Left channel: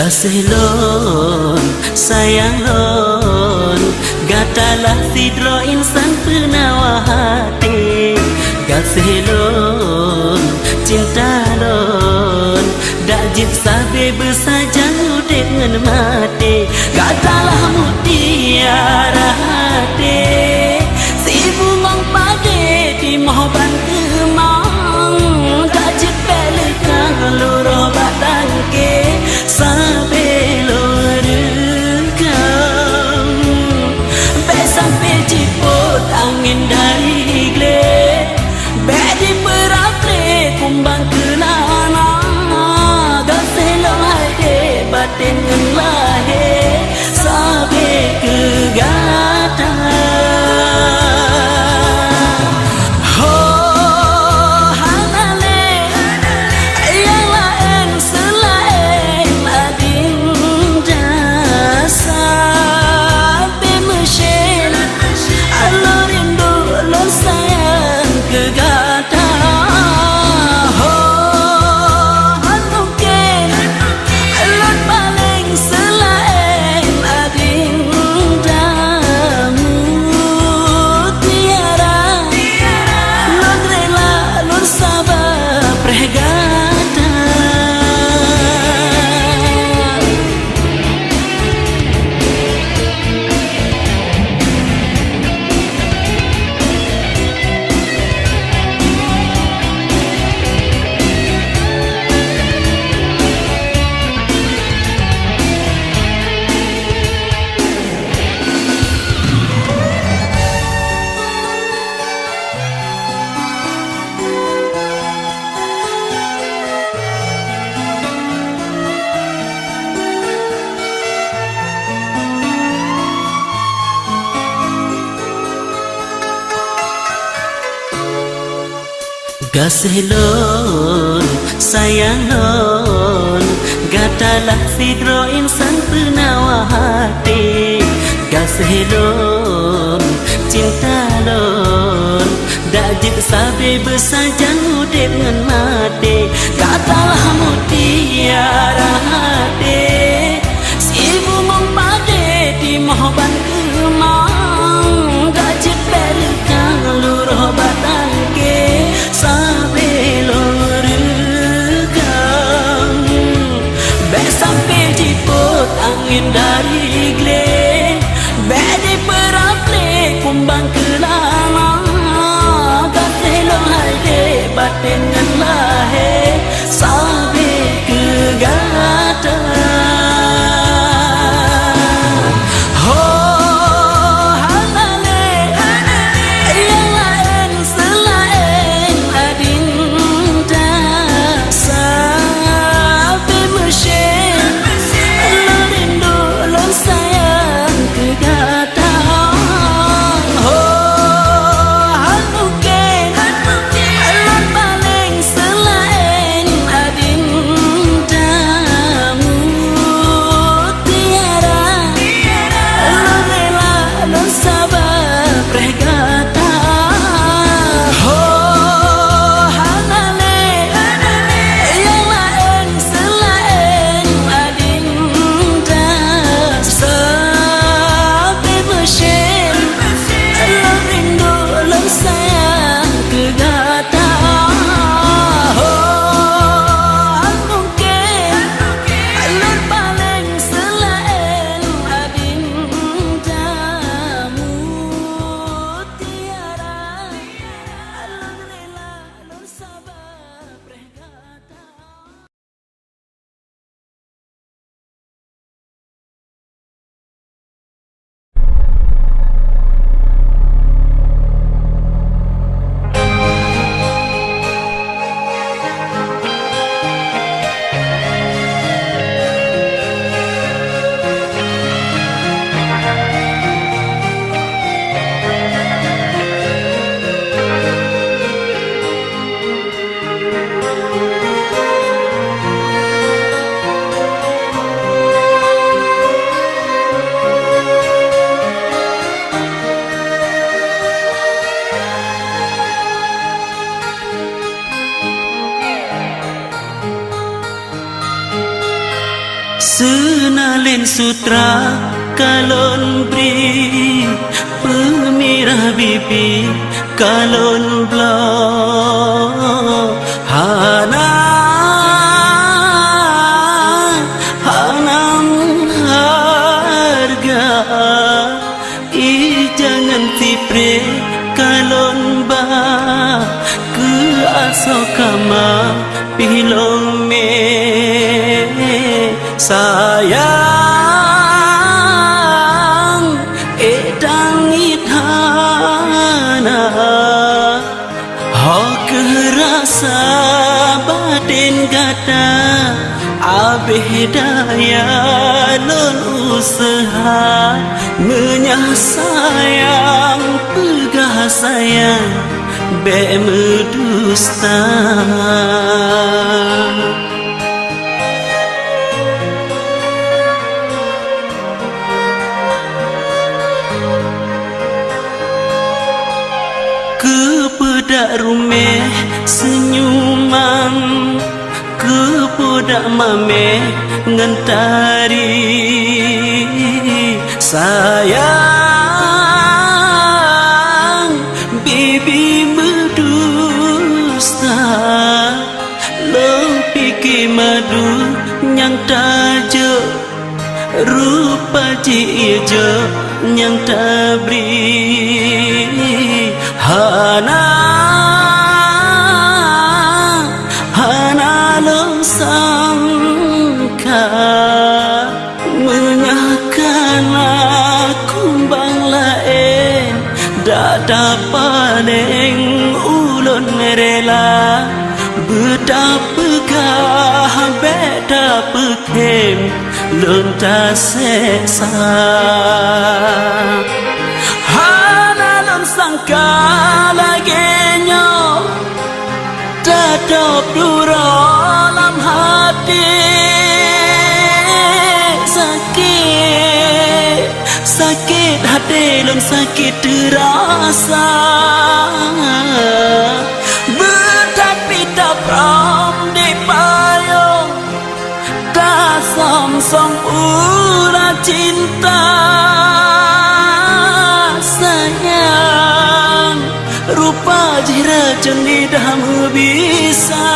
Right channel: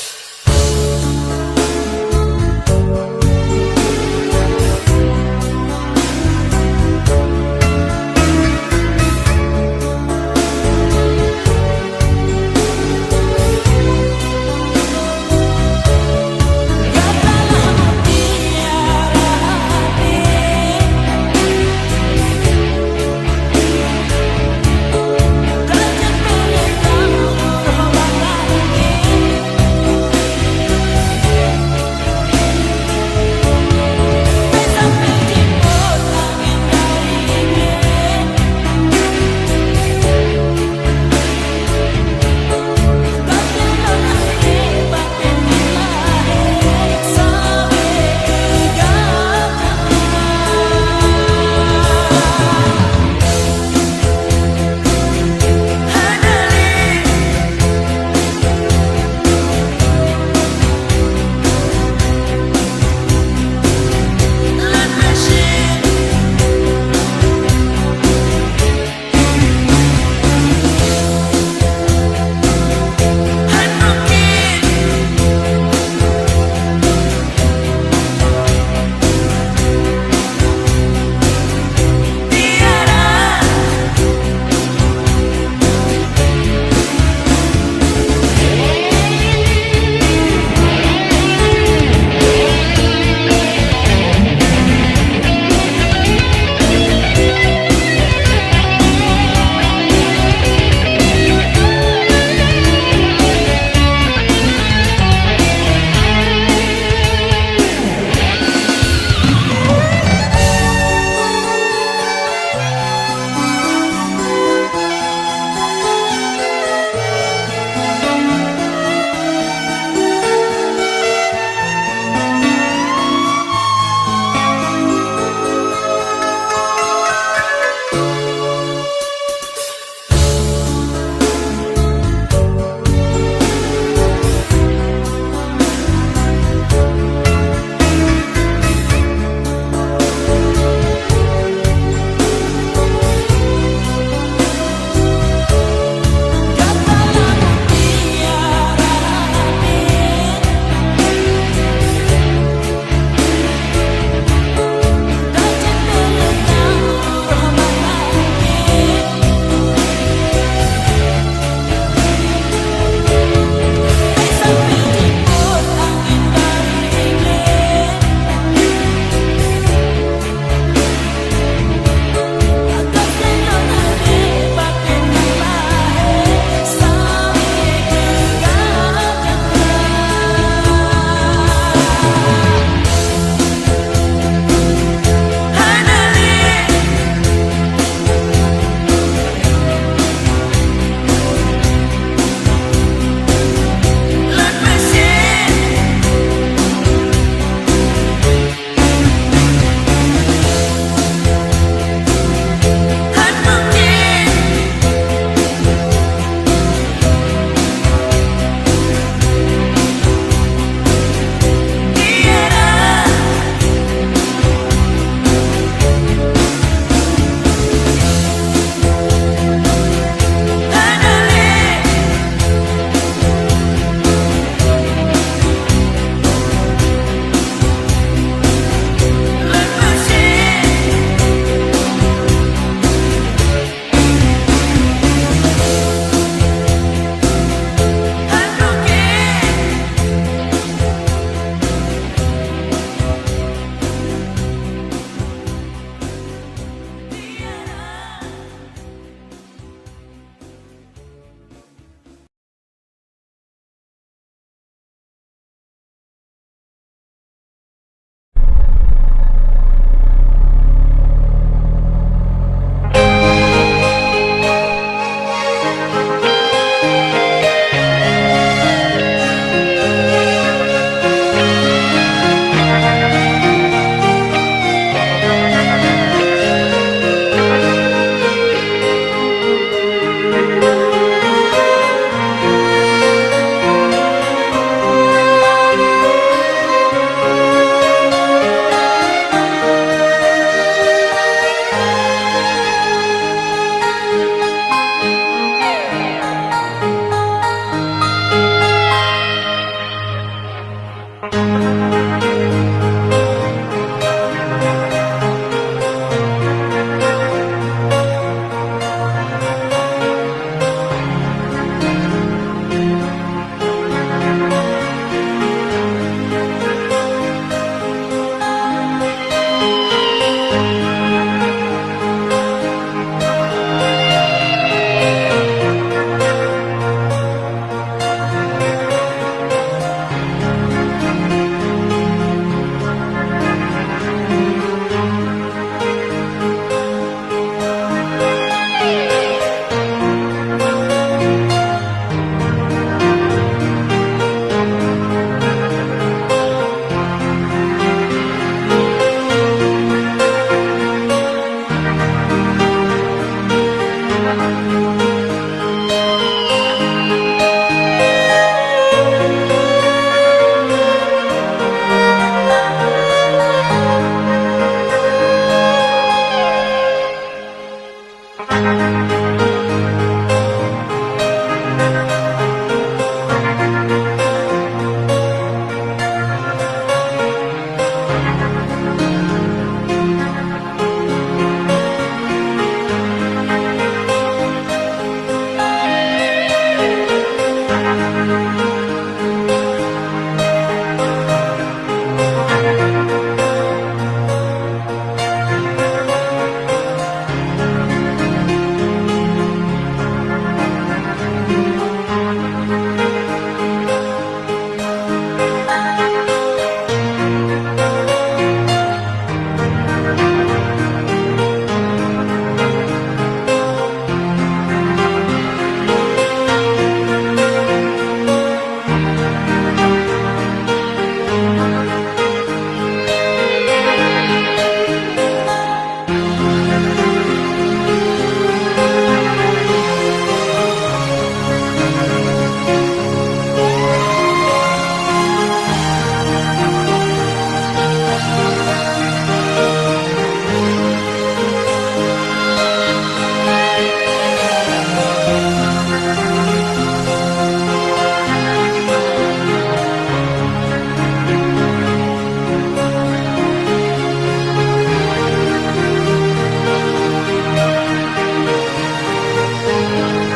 Kasih lon, sayang lon, gatalah sidro insan penawa hati. Kasih lon, cinta lon, dak jin sampai bersajan dengan mati. Gatalah mutiara hati, si mumang pagi di mahuban kemang, gak cepet kang loro batang ke. mesra kalon beri pemirah bibi kalon blok hanam harga jangan tipre kalon ba ke asokama pilome sayang edang ithana hok rasa batin gata abih daya lon usaha menyah sayang pegah sayang bemedusta rumeh senyuman kepodak mame ngentari sayang bibi berdusta lempiki madu yang tajuk rupa cijo yang tabri hana sangka mengahkan aku banglae dada paling ulun rela betapegah beda pekem lonta seksa hana lang sangka lagi nyo dada sakit hati dan sakit terasa tetapi tak pernah dipayung tak song-song ulah cinta sayang rupa jira jenis dahamu bisa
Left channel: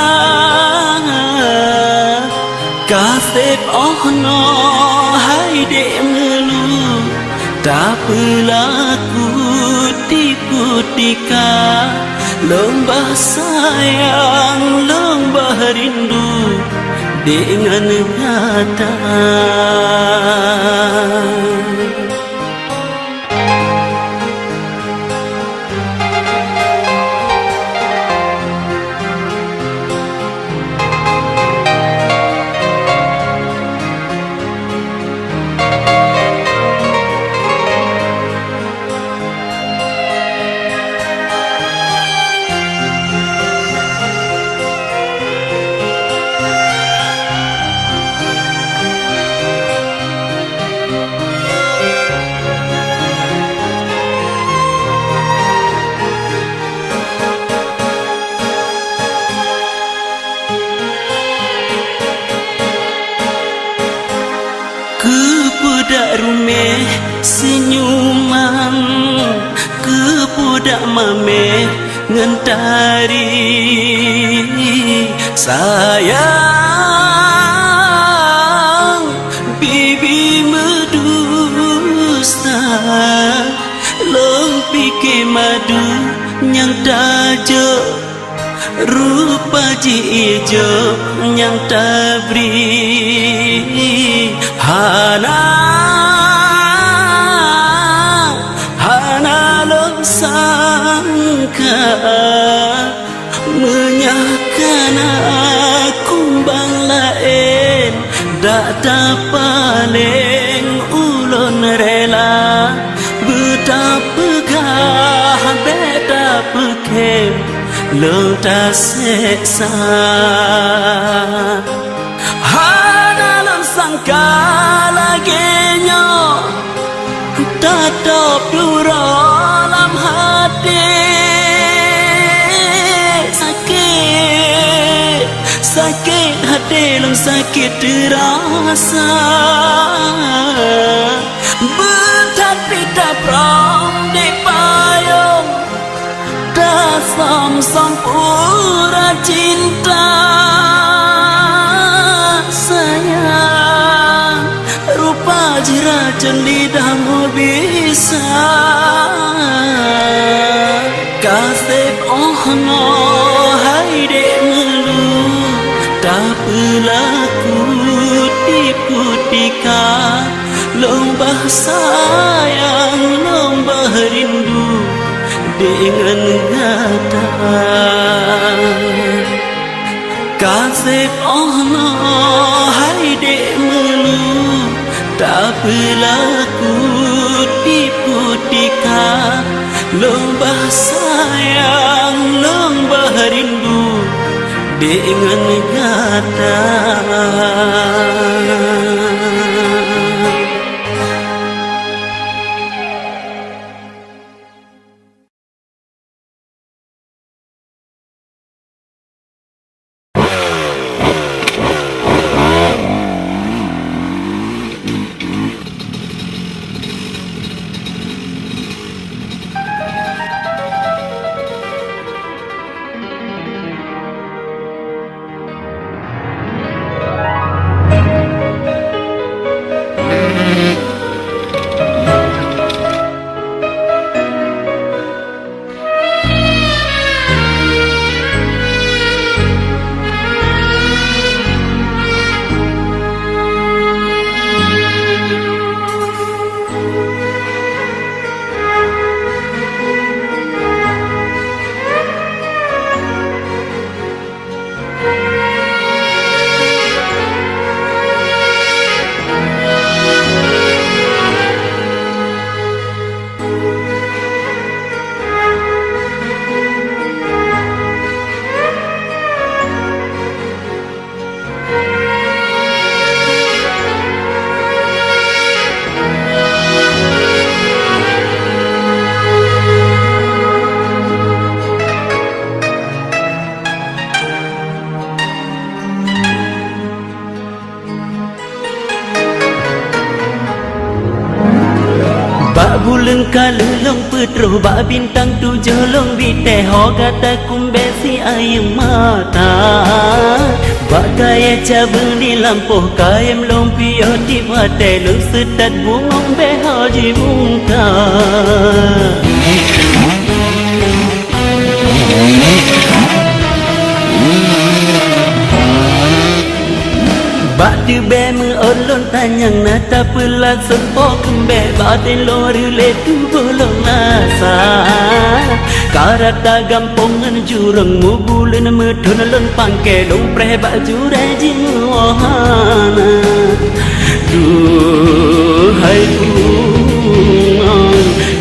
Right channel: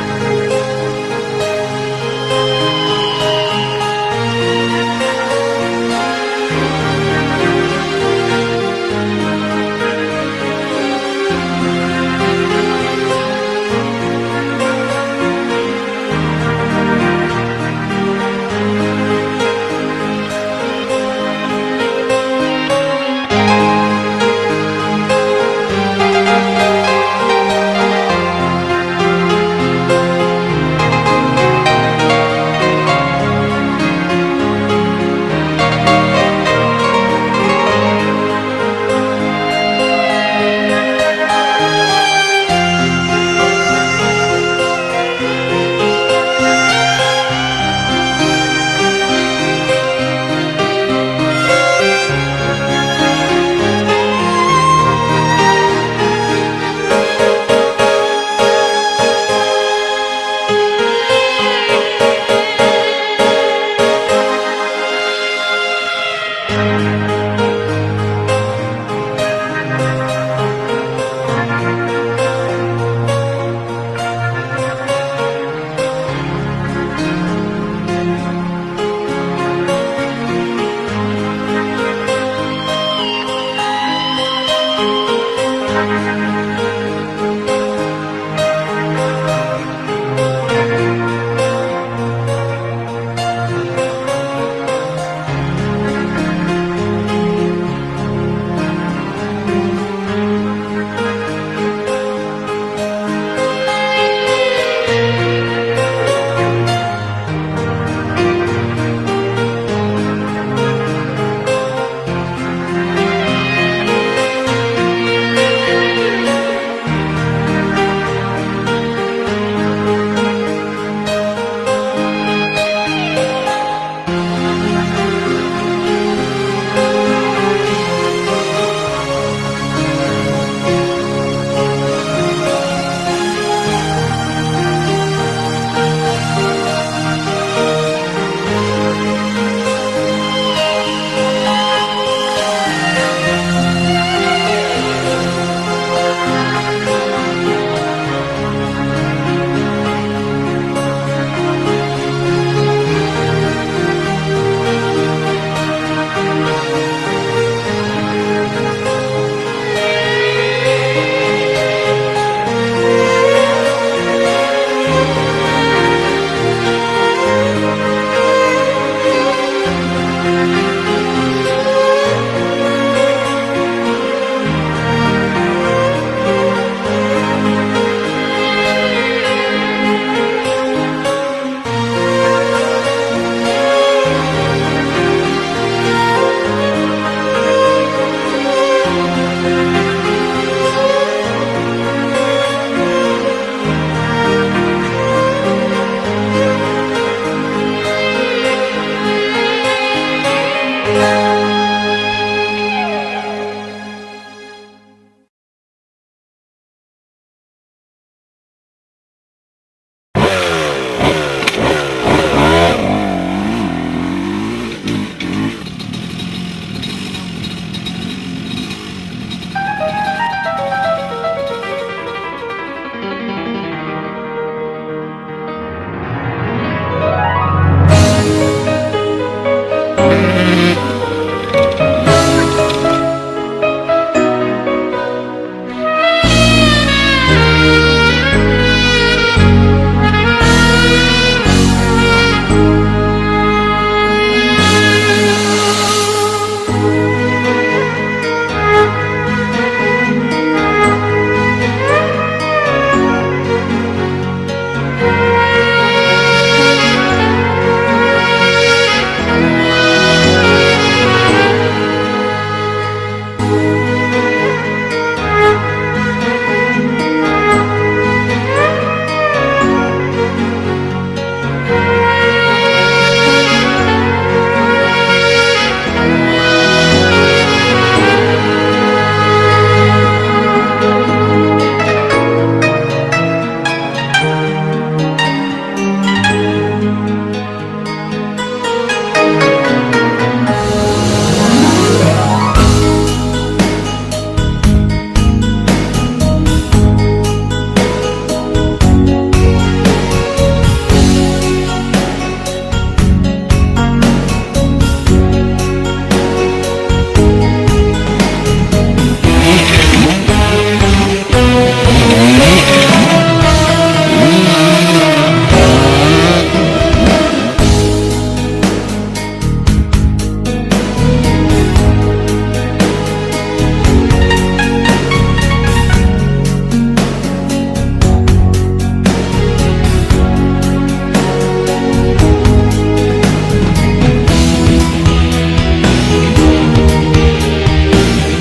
kasih ohno hai demu berlaku tipu tika lembah sayang lembah rindu dengan nyata senyuman kepodak mame ngentari sayang bibi medusta lempiki madu yang tajuk rupa jijo yang tabri hana Bintang tujuh long binte hoga takum besi ayam mata Pakai cabang di lampu kaim lumpio di pada lung sedat bungong beho di muka Pak di bem olon tanyang nata pelan sepong bela di lori letu belum nasa Karata gampungan jurang ngubulan medunalun pangke dong pre baju rajin mohana Hai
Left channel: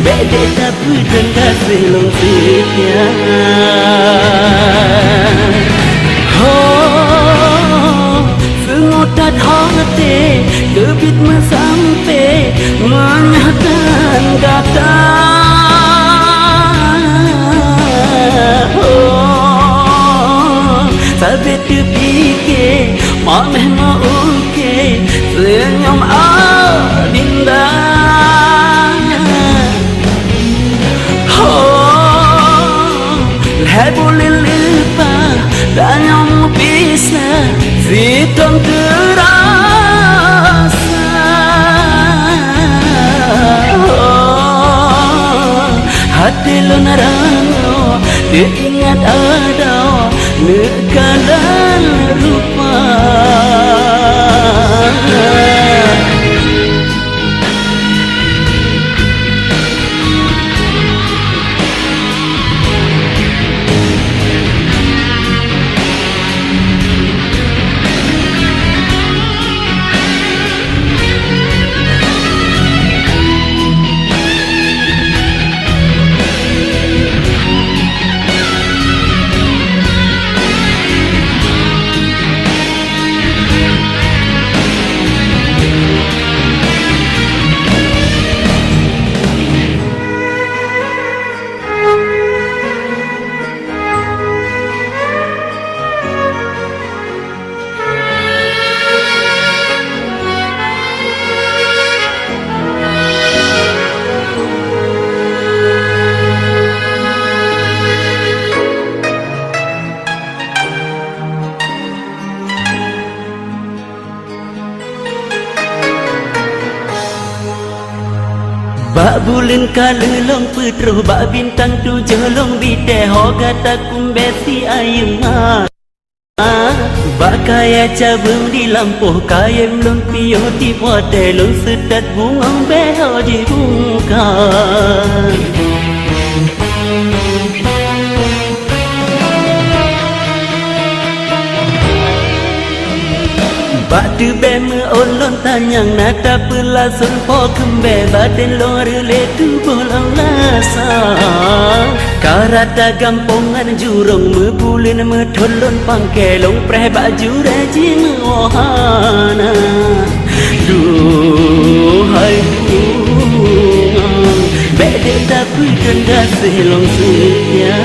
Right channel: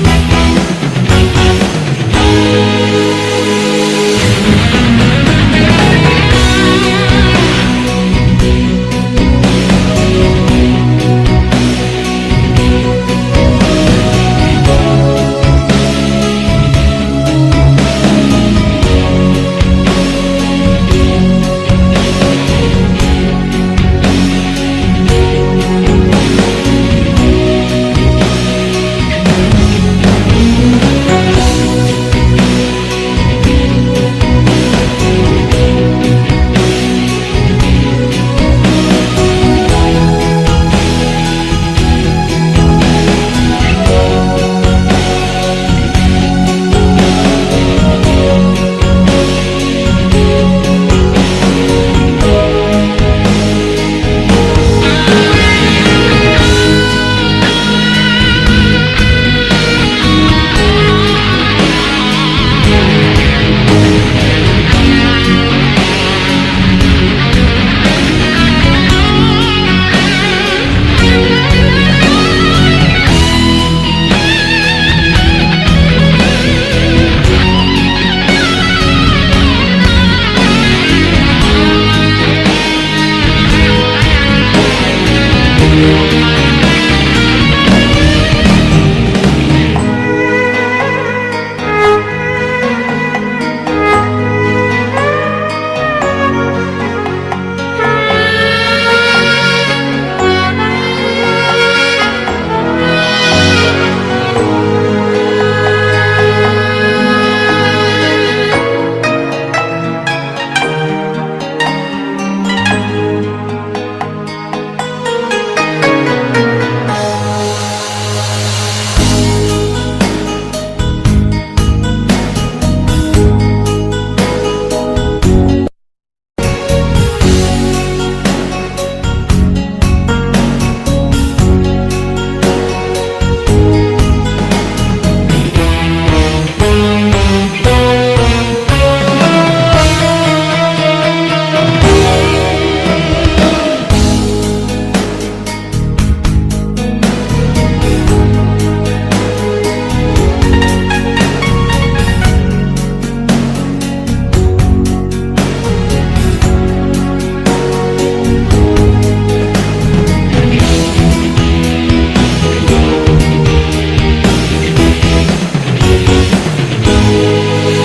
begena tujuh kasih lengkapnya Sengutat hati lebih mensampai menyataan kata Sabit kepikir Mameh mauke Senyum adinda Hai boleh lupa Dan yang bisa Fitong terasa Hati lenarano Diingat ada Negara lupa Bulan kalulong putru bak bintang tujuh long binte hoga takum besi ayam Bak kaya cabang di lampu kaya lumpio di pada long sedat bungong beho di muka Bak di bem olon tanyang nata pelan sepok bela dan lori letu bolang nasa Karata gampungan jurung Mebulin medolon pangke long pre baju rajin mohana Duhai beda punya kasih long sunya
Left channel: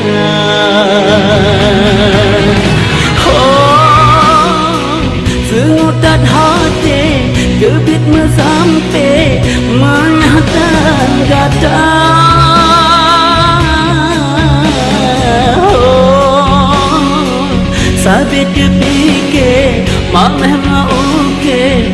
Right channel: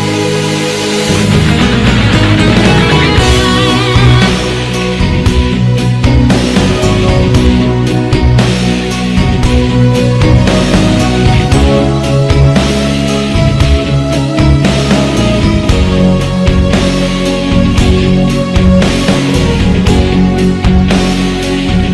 Sengutat hati debit sampai menyataan kata Sabit kepikir mameh mauke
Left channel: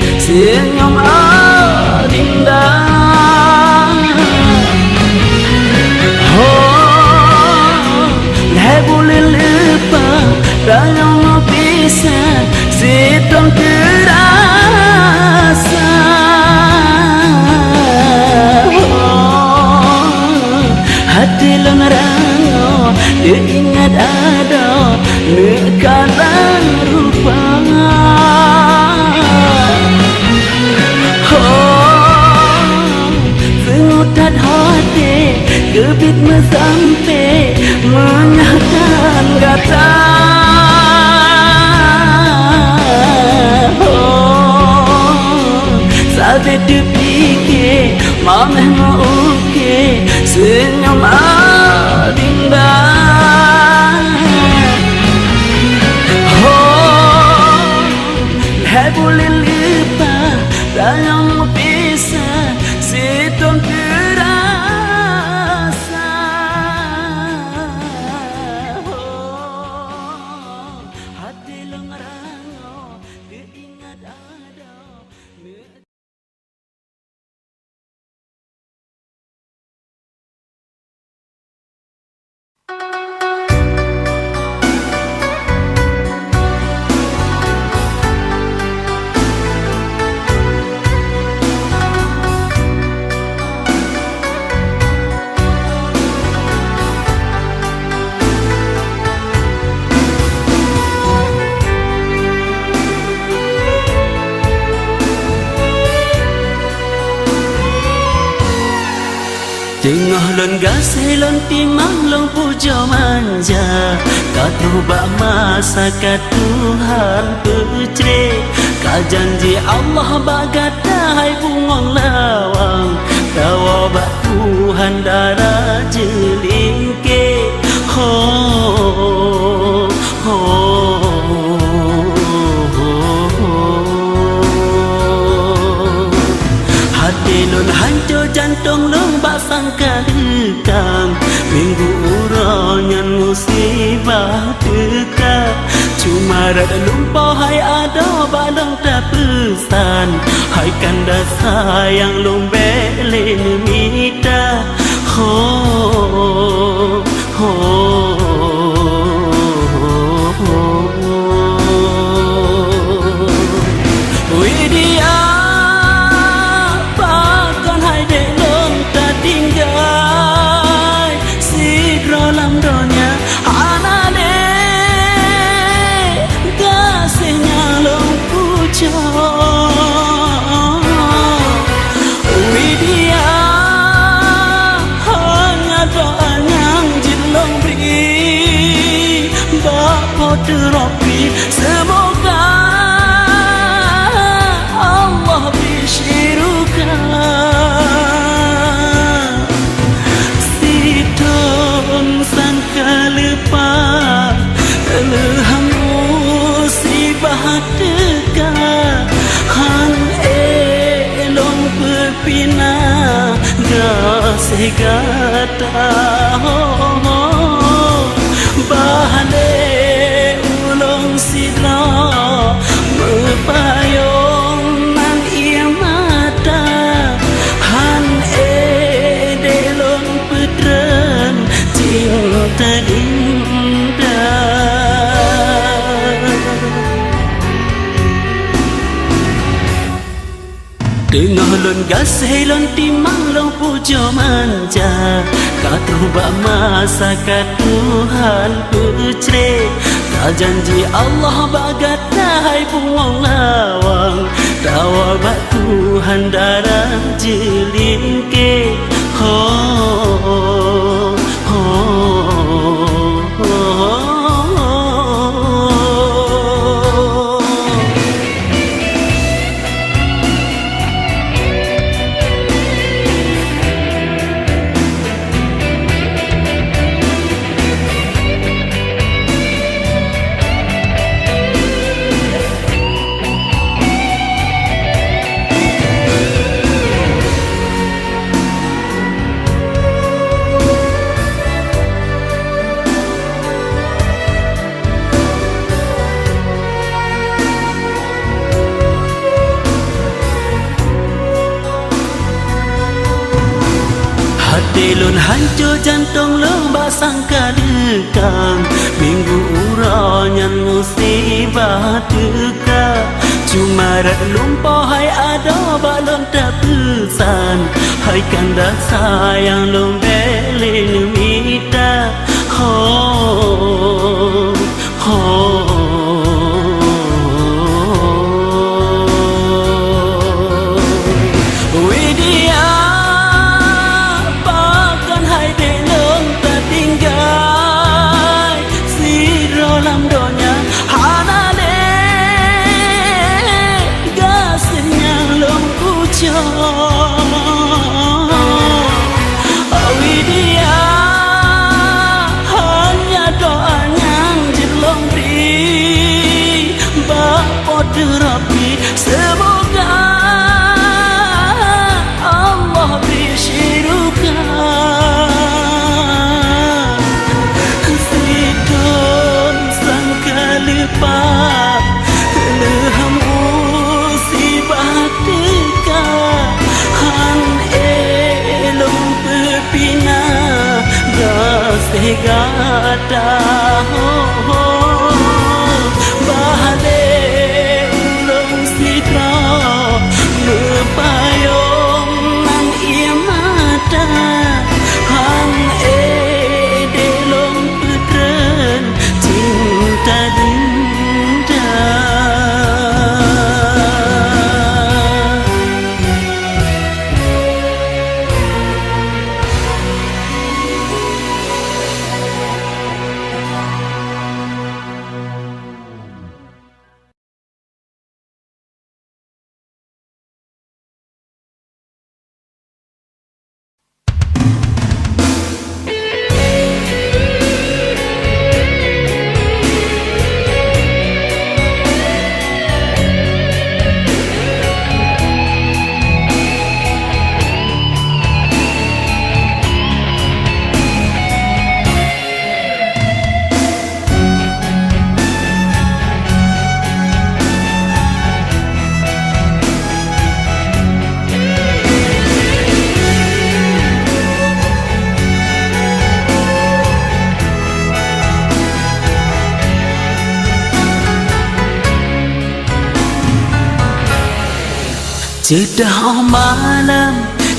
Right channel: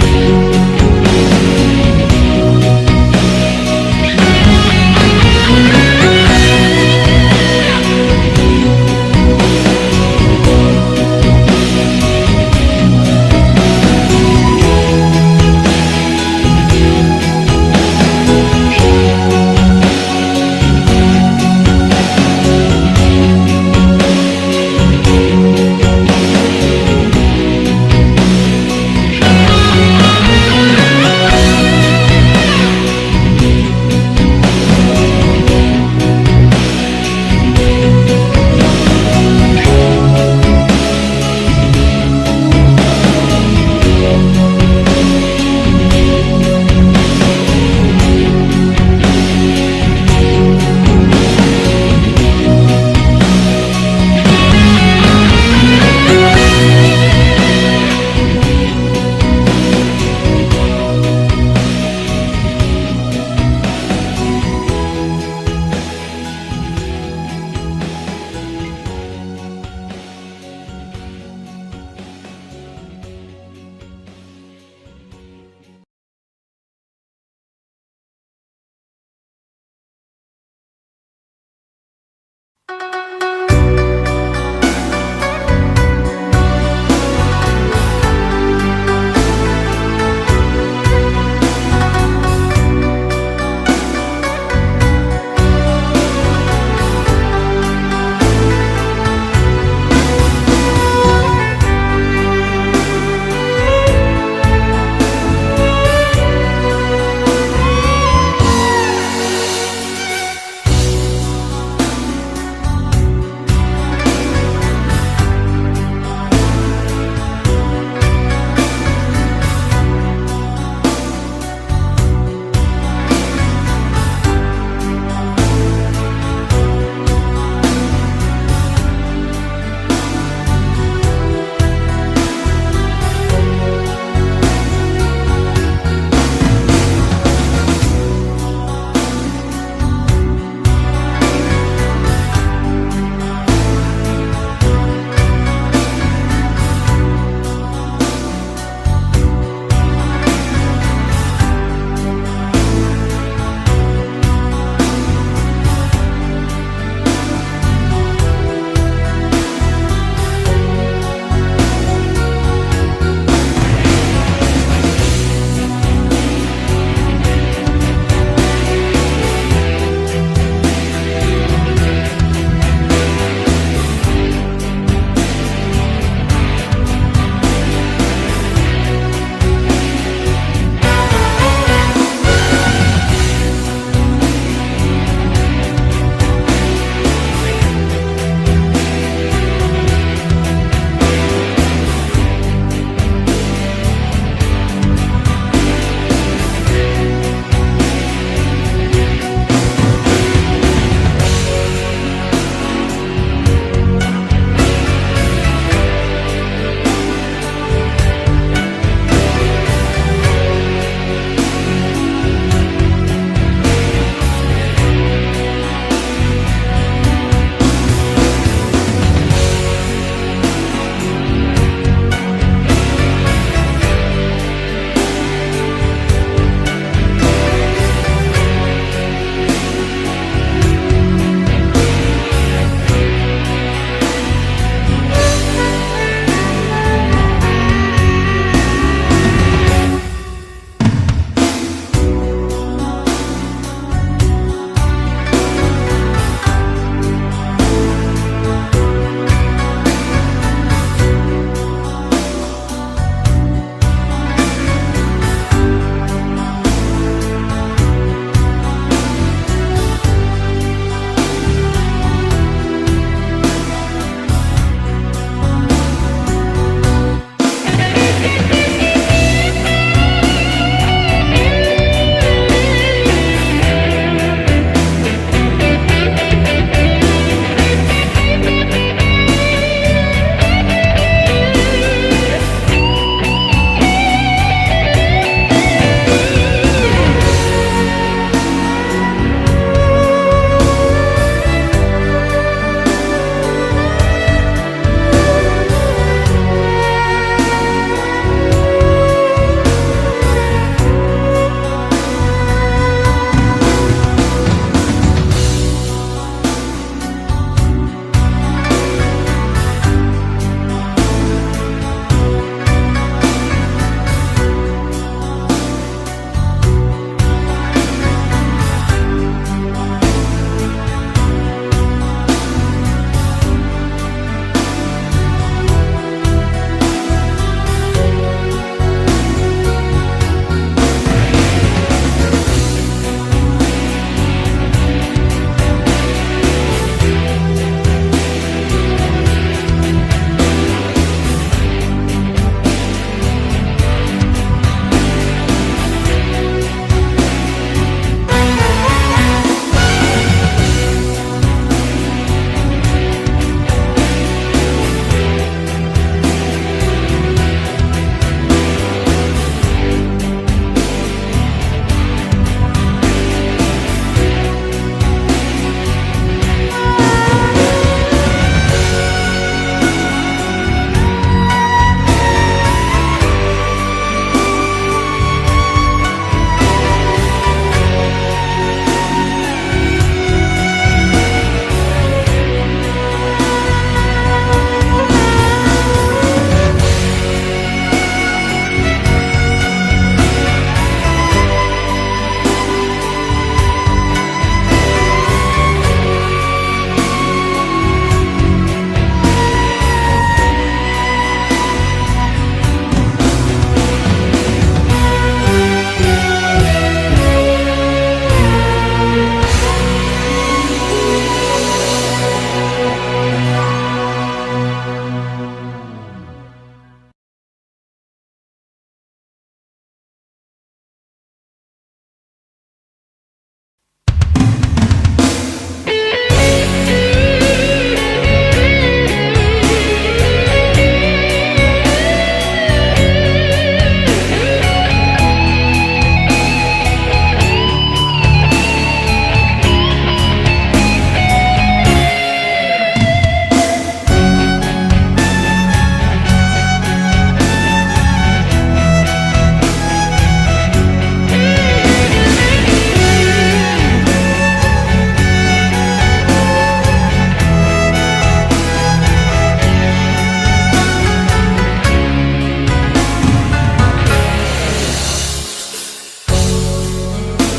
Sudah malam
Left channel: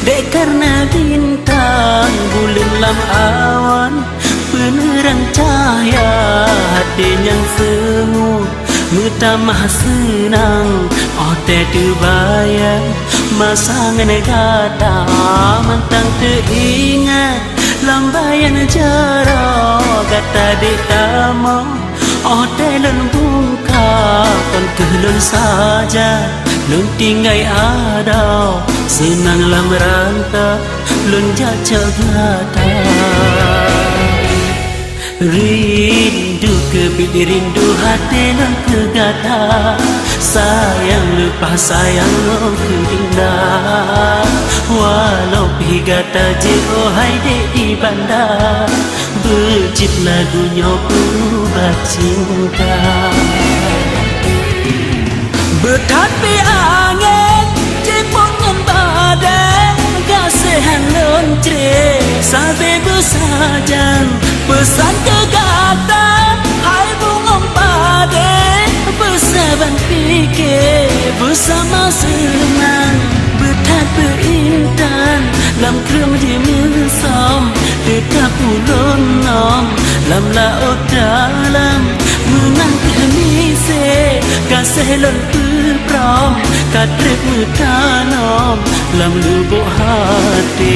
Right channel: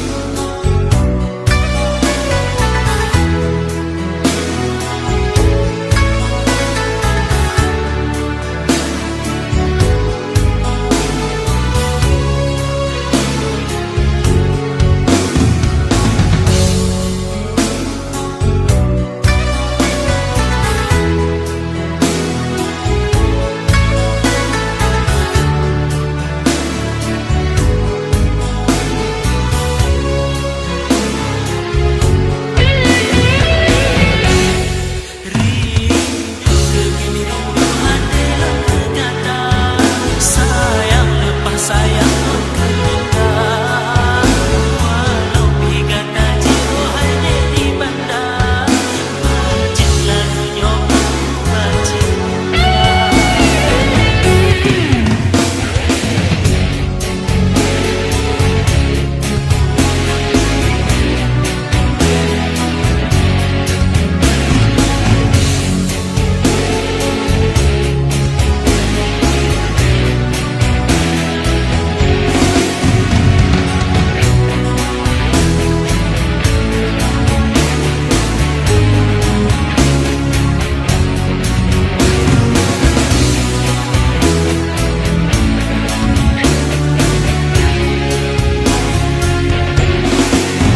dek karena bintang bulan awan penerang cahaya hati yang semu mutamah senang oh teh kebayang masangan kata mentang teringat lambayan jarak kata dek tamo oh teh lembungka kelun saja lun tinggai ada senang lam rangka lun jaca gata rindu kebili rindu hati lam kegata sayang lepas sayang indah walau pigata jiro hai di bandar berjit lagunya pura cinta berhati angin di punggung badan kasihan lonce sampai bersajan pesan kegata hai bunga badan bersaban fikir bersama senang berhati intan lam kem di mensom tidak pulung nom lam laut dalam menang kenise kasih lentur kata bertanam dalam lubuk hati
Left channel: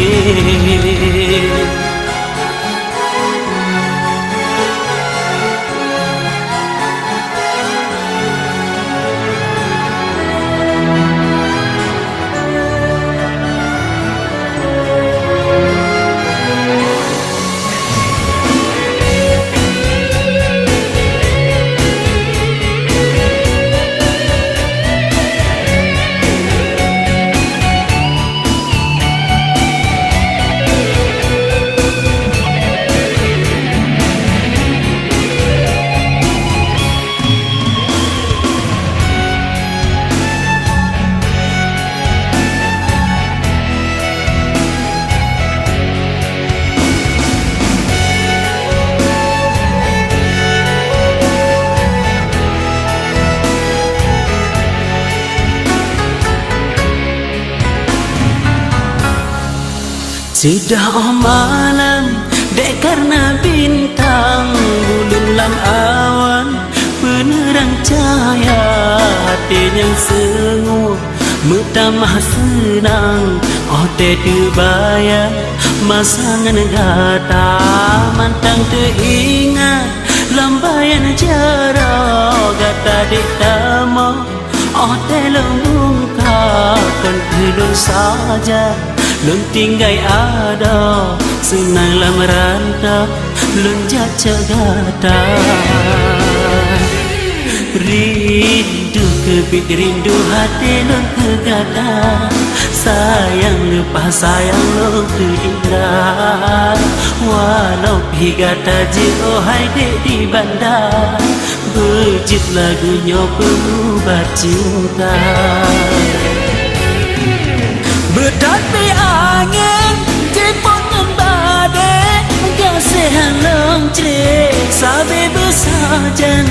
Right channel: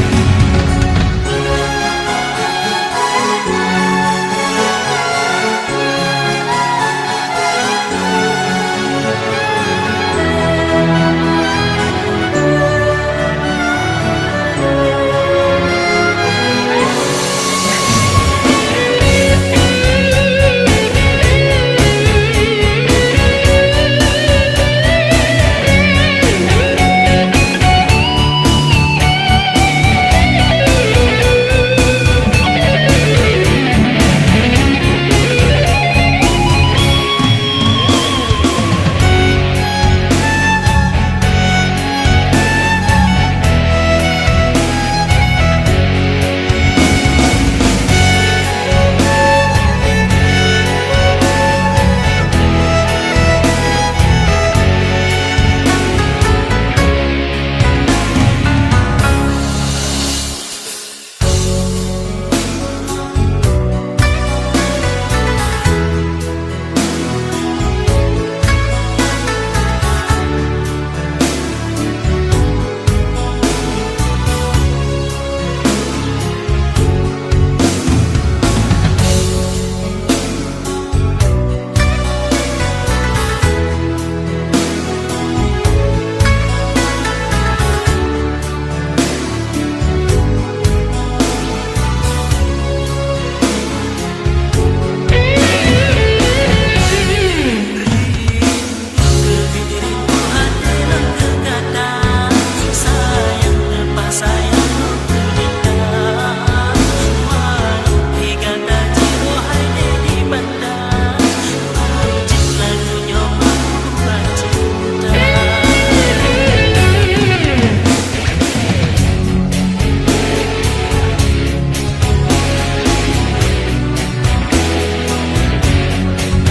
sudah malam dek karena bintang bulan awan penerang cahaya hati yang semu mutamah senang oh teh dibayang masangan gata mantang teringat lambayan jarak kata dek tamo oh teh lembungka kelun saja lun tinggai ada senang lam rantau lun jaca gata rindu kebik rindu hati lun kegata sayang lepas sayang lun indah walau pigata jiro hai di bandar berjit lagunya berubah cinta berhati angin di punggung badan kasihan lonce sampai bersajan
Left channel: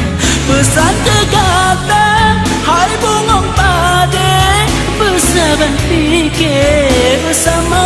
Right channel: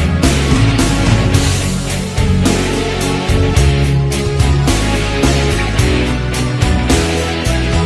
pesan kegata hai bunga badan bersaban fikir bersama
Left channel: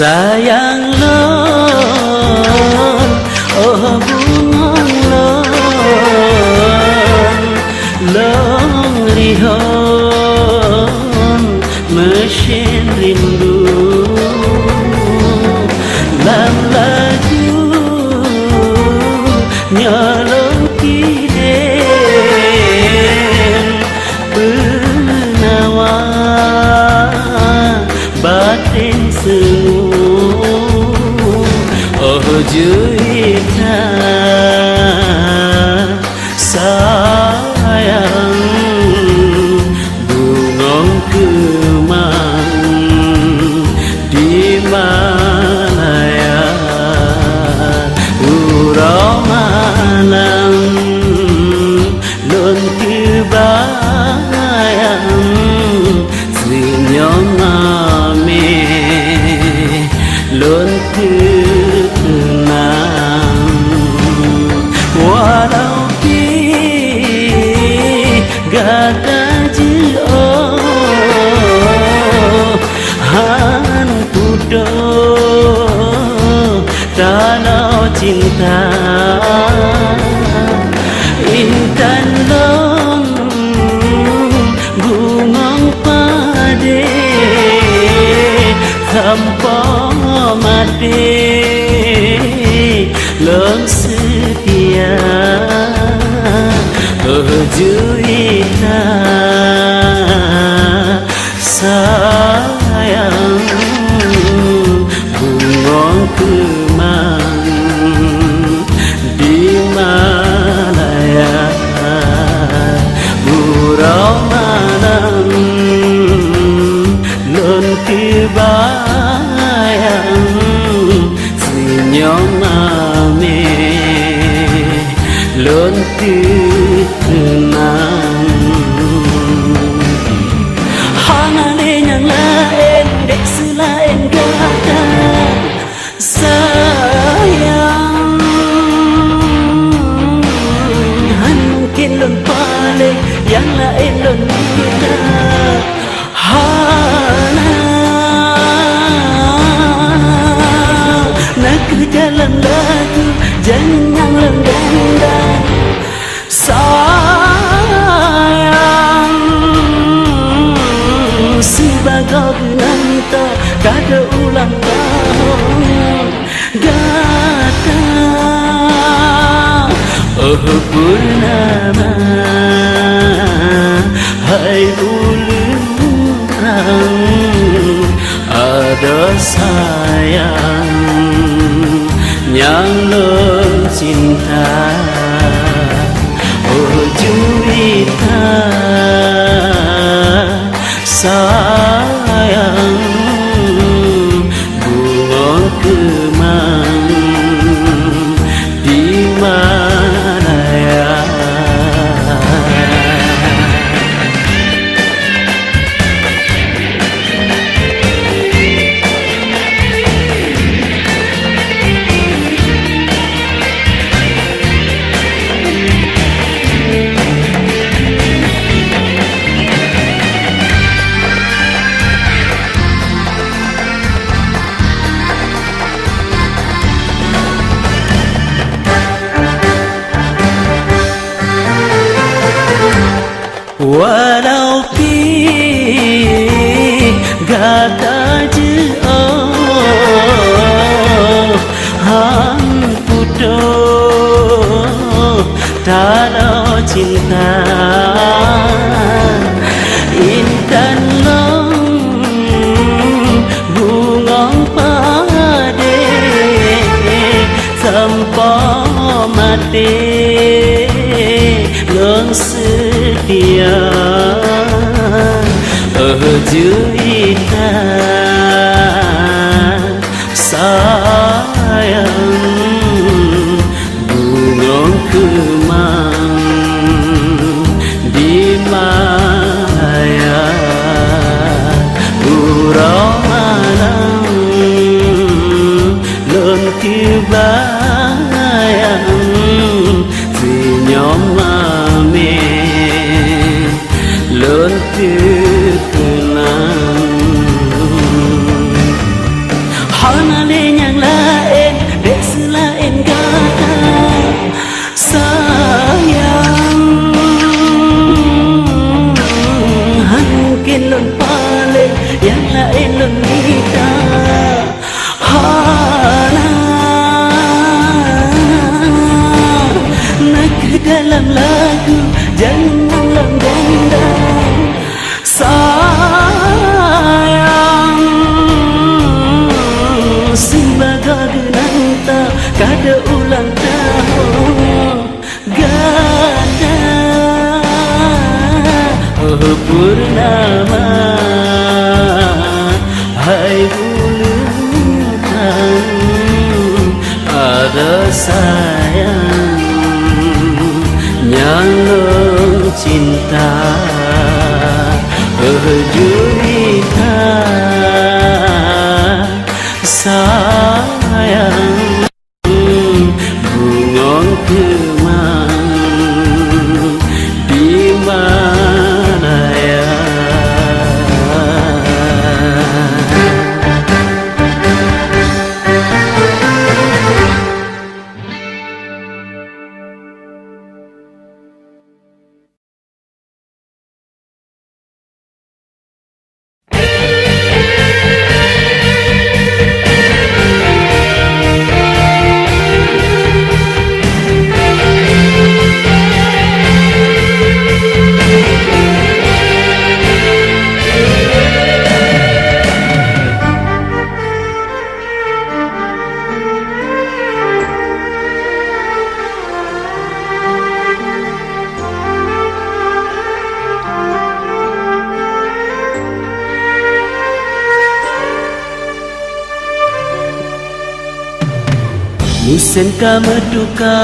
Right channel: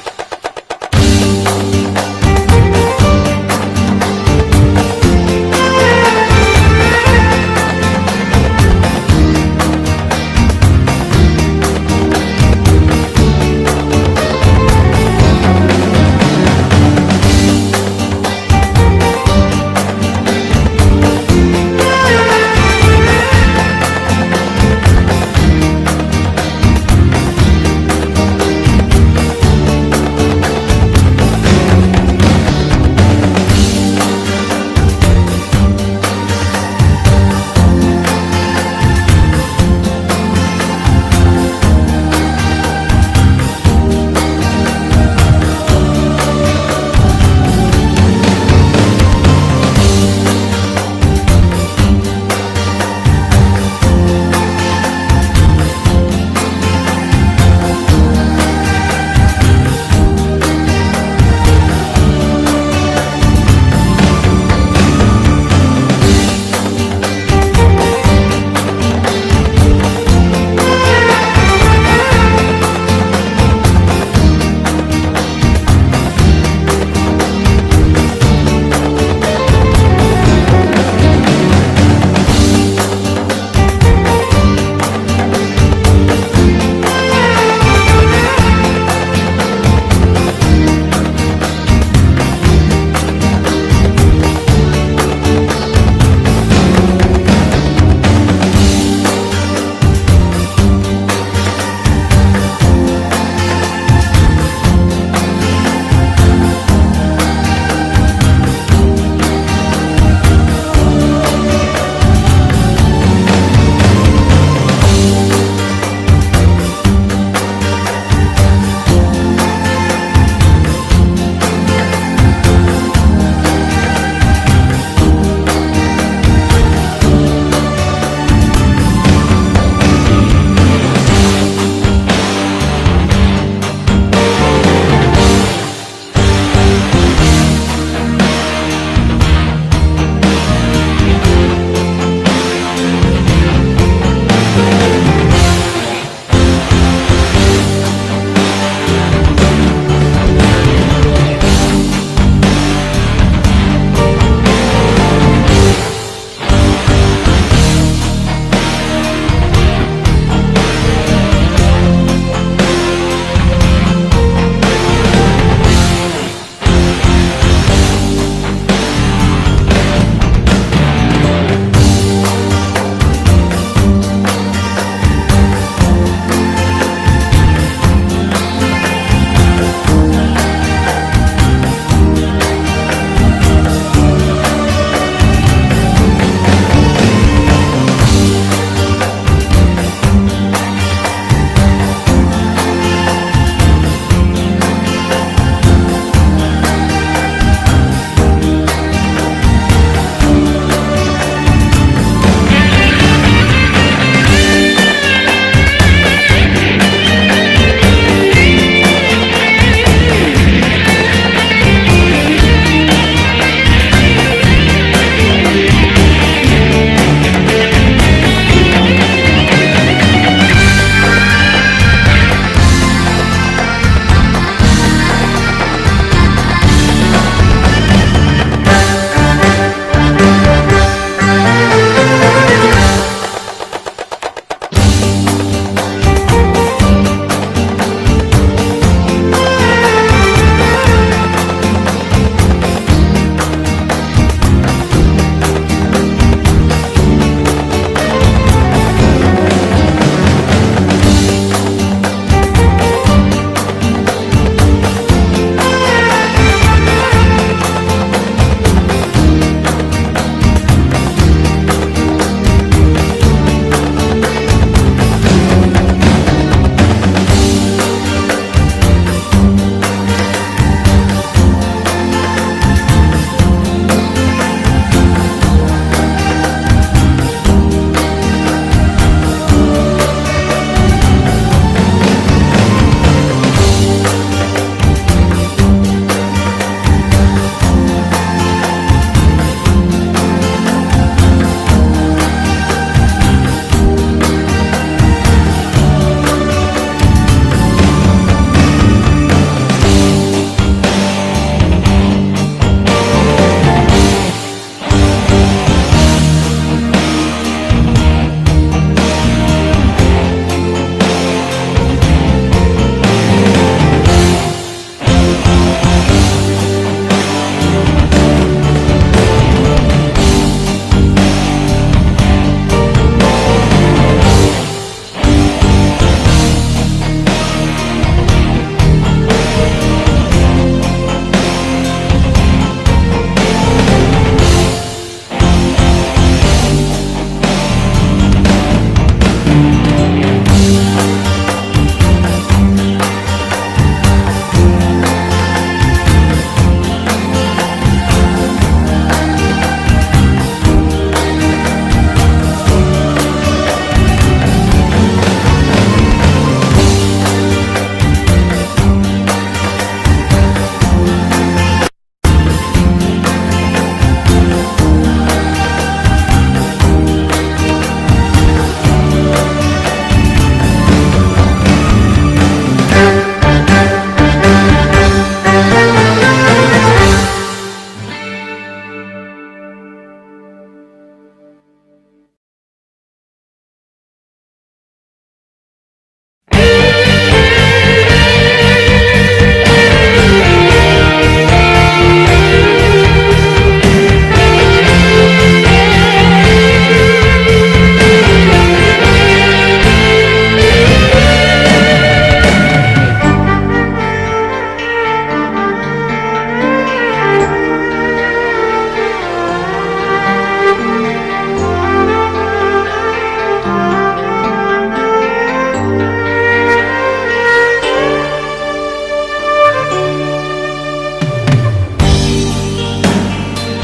Sayang lo, oh bunga lo, lo lihat mesin rindu, lalu nyarai benawa batin semua. suka menduka,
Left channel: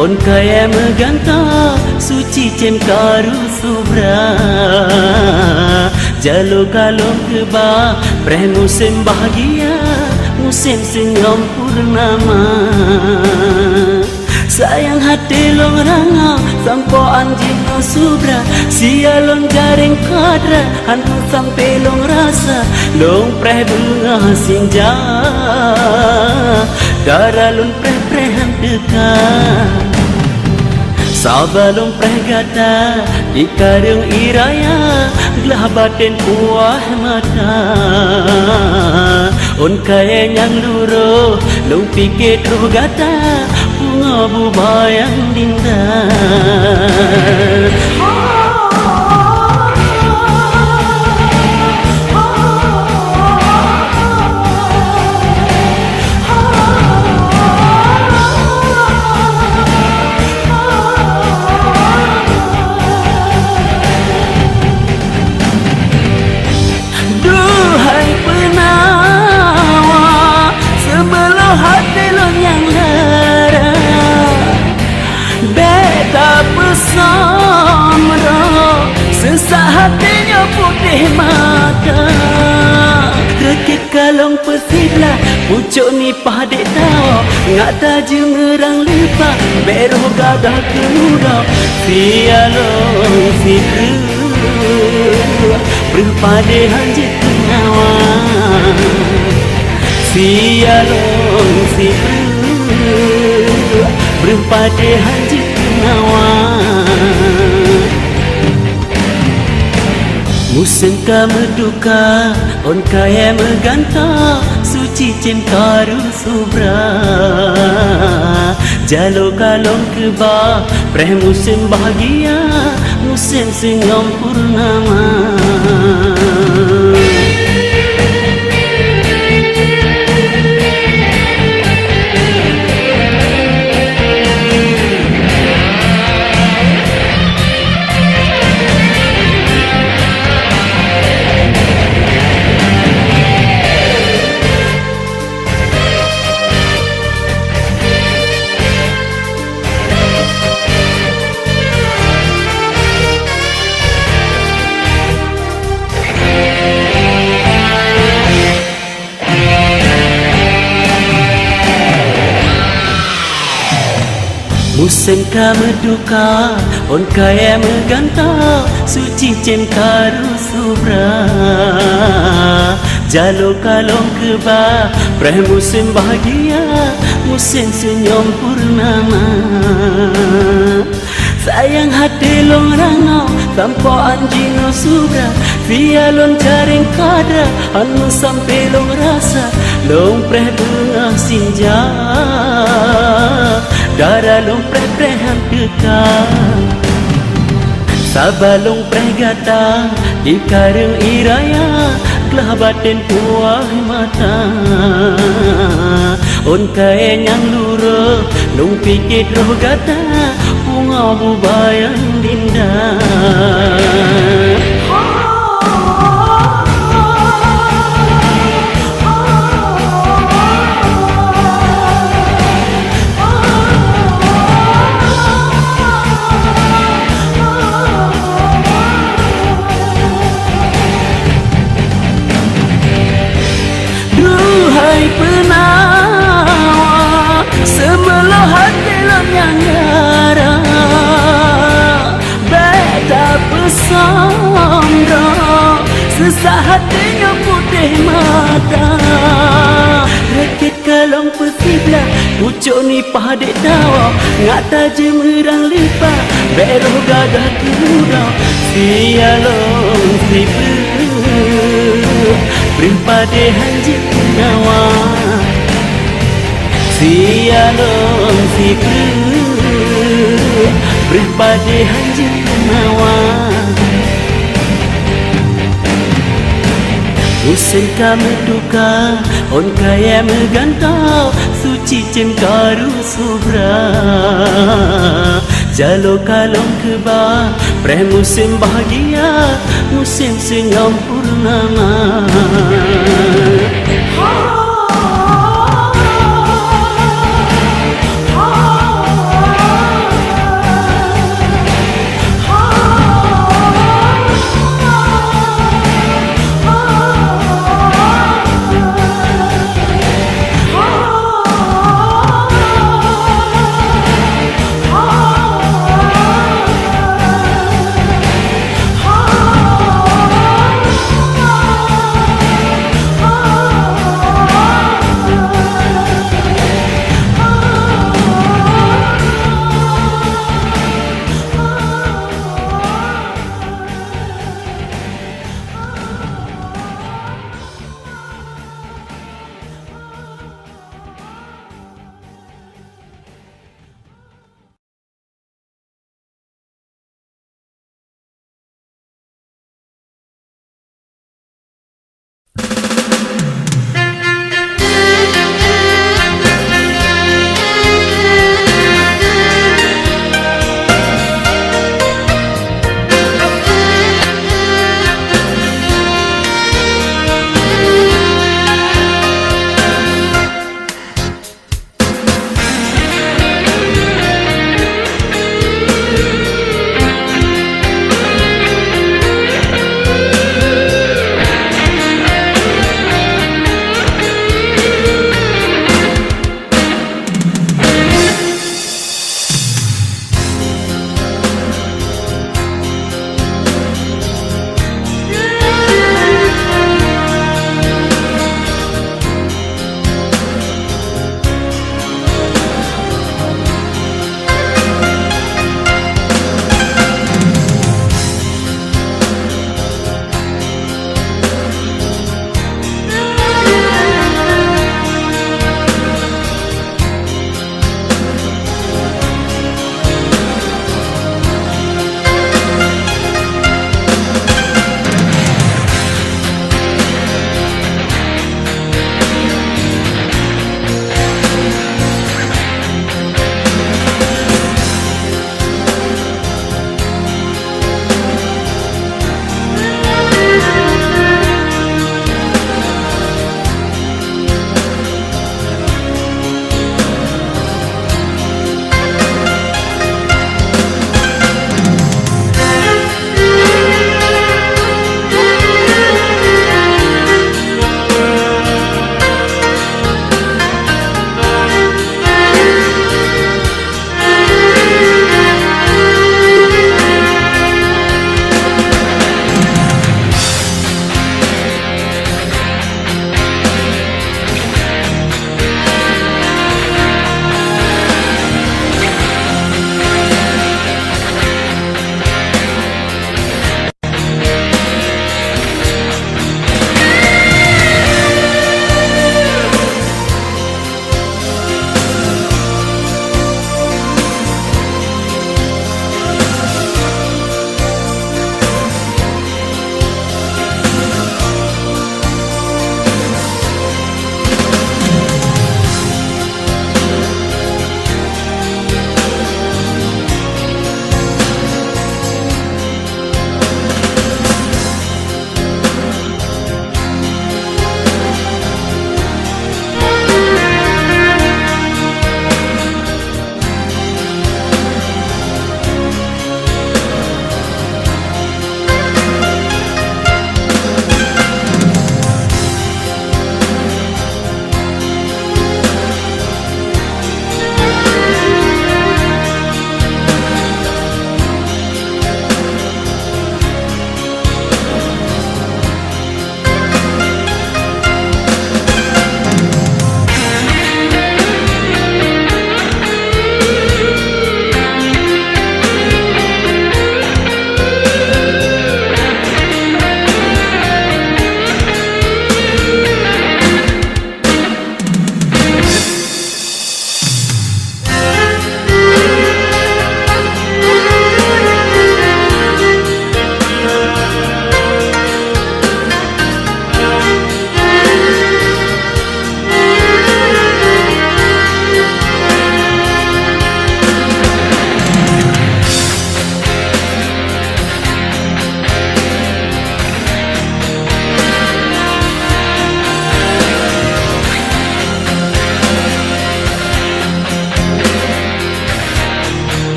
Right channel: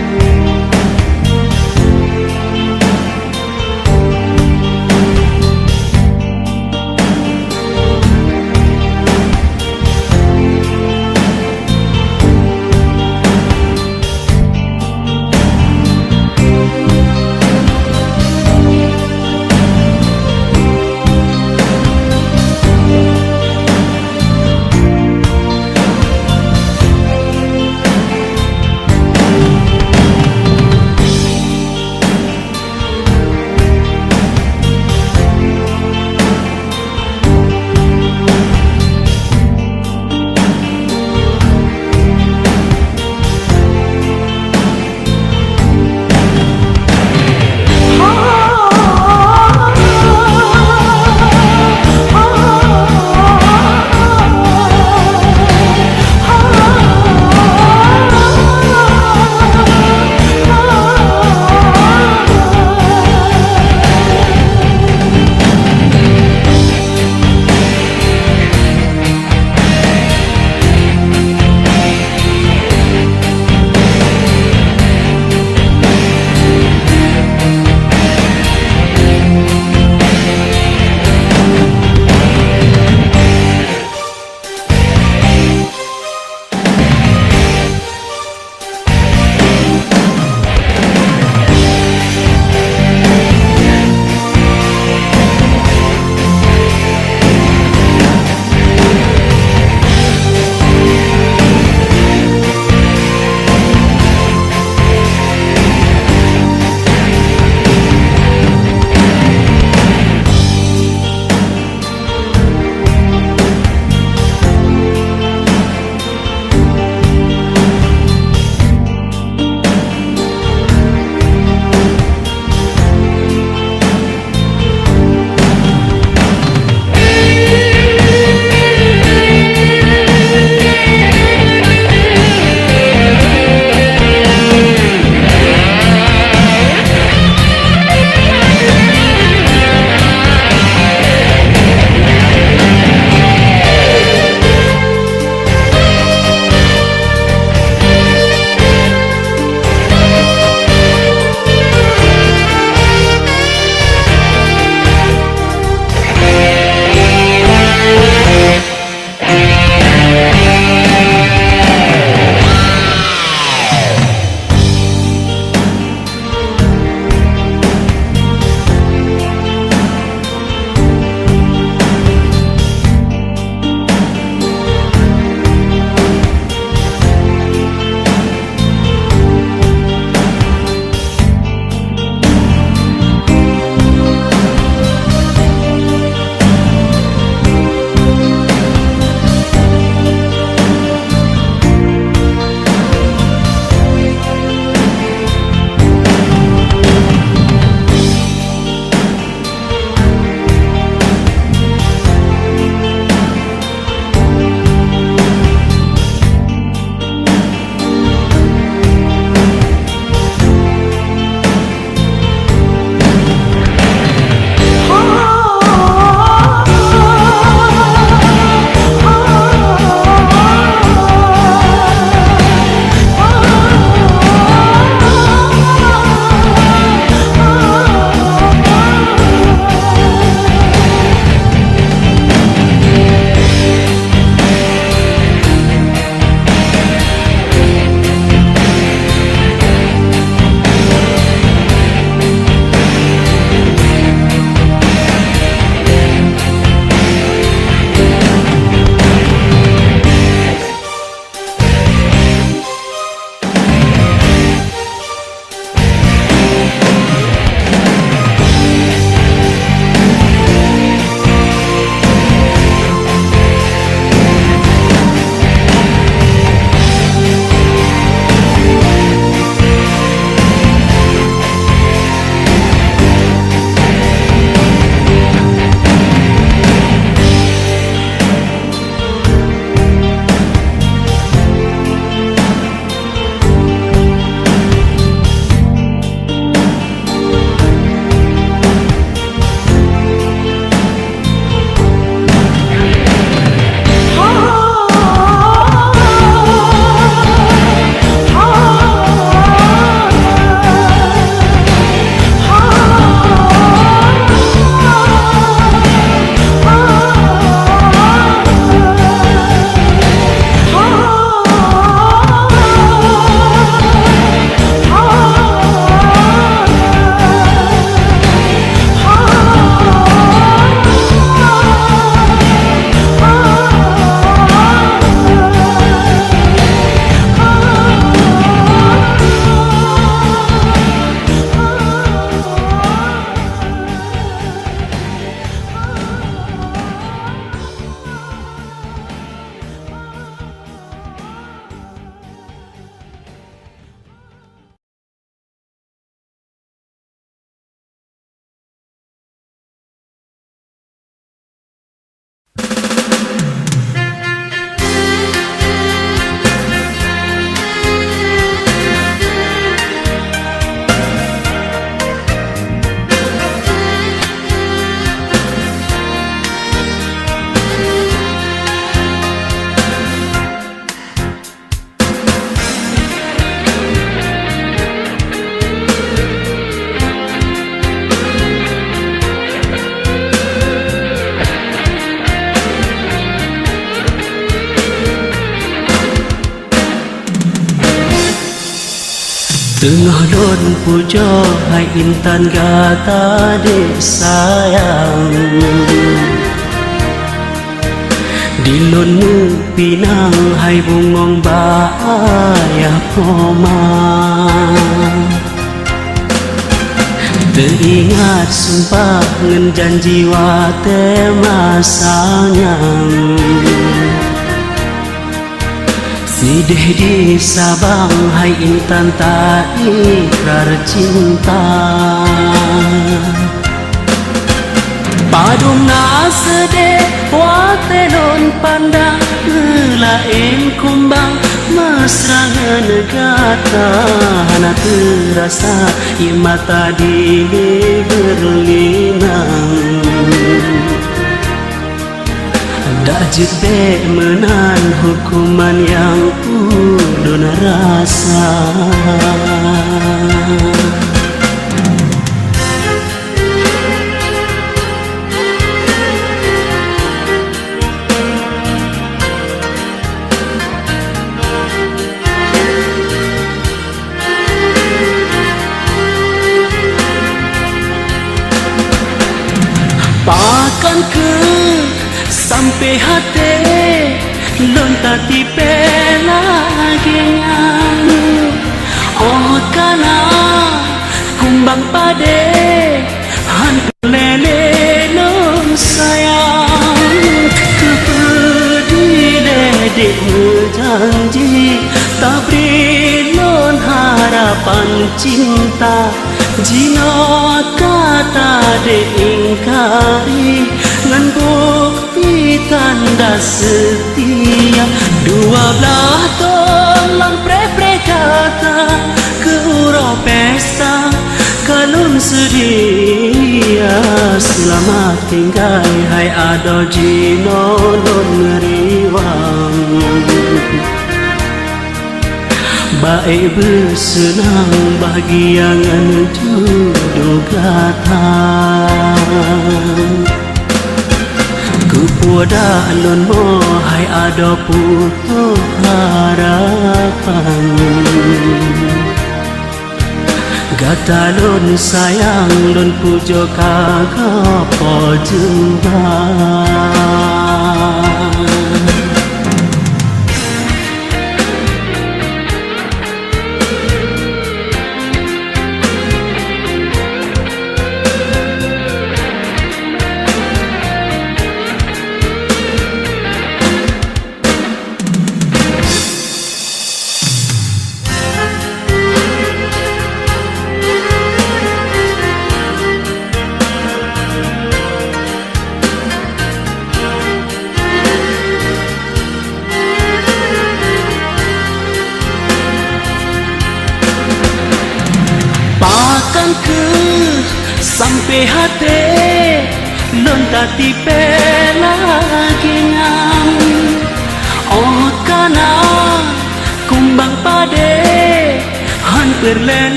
on kaya menggantang, suci cemkaru subra. Jalur kalung kebang, preh musim bahagia, musim senyum purnama. Sayang hati long ranga, sampo anjing no subra, sia long garing kadra, hantu sampai long rasa, dong preh bunga senja, darah long preh dekat. Sabar long preh kata, di kadung iraya, lah batin buah mata. On kaya ngan luro, long pikir tu gata, bunga buah yang indah. Menduka, on kaya menggantang, suci cemkaru subra. Jalur kalung kebang, preh musim bahagia, musim senyum purnama. ingkar cinta. Padung nasede kuate non pandang lain kumbang masa negata anak rasa imata di Jete menan hukuman yang penuh rasa. Bersenang bagi yang duduk kata Kupoda nun mohai ada putuk harapan Gata nun sayang nun pujo kakak pojumpa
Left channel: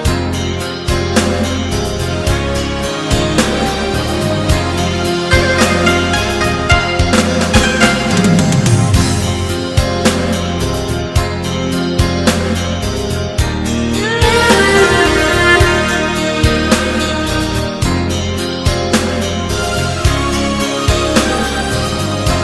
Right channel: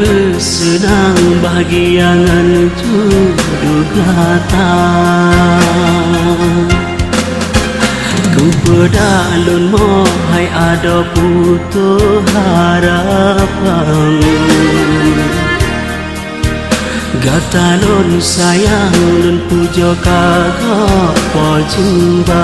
Bersenang bagi yang duduk kata Kupoda nun mohai ada putuk harapan Gata nun sayang nun pujo kakak pojumpa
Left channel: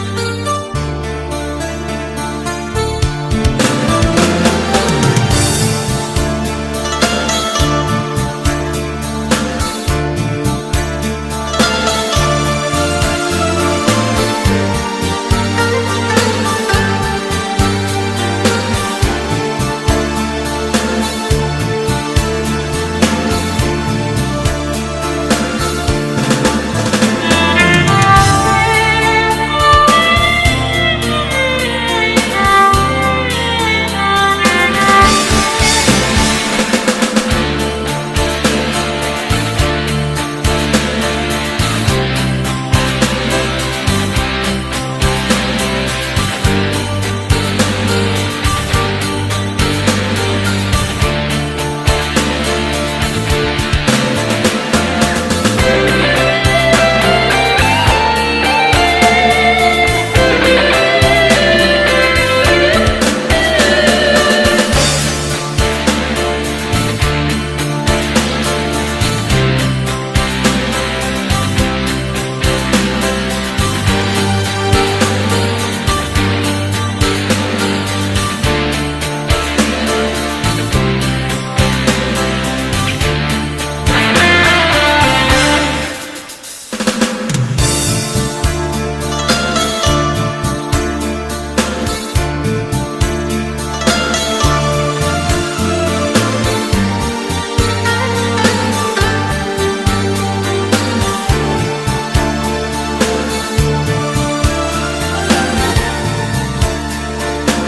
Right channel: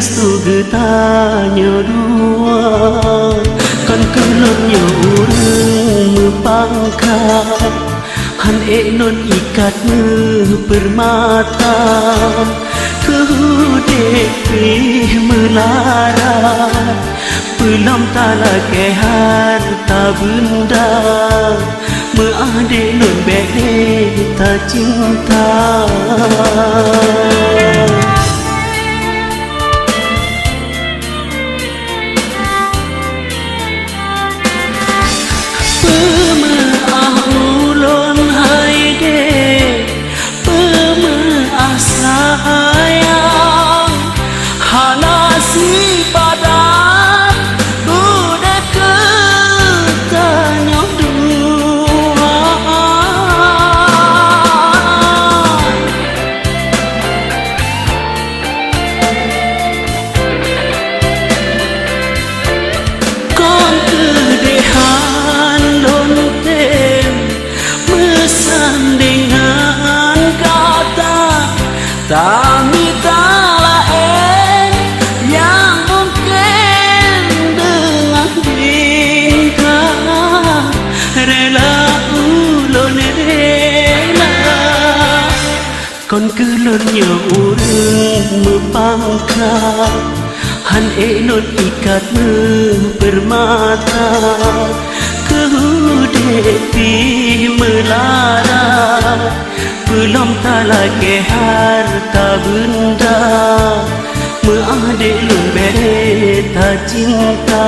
restu getanya dua kan kenanya pangkat han non ikat bermata kudeti melara belum tala ke harta benda mengadil lebih tak cinta. Con cứ luôn nhiều urung pangka han non ikat bermata kudeti melara belum tala ke harta benda mengadil lebih tak cinta.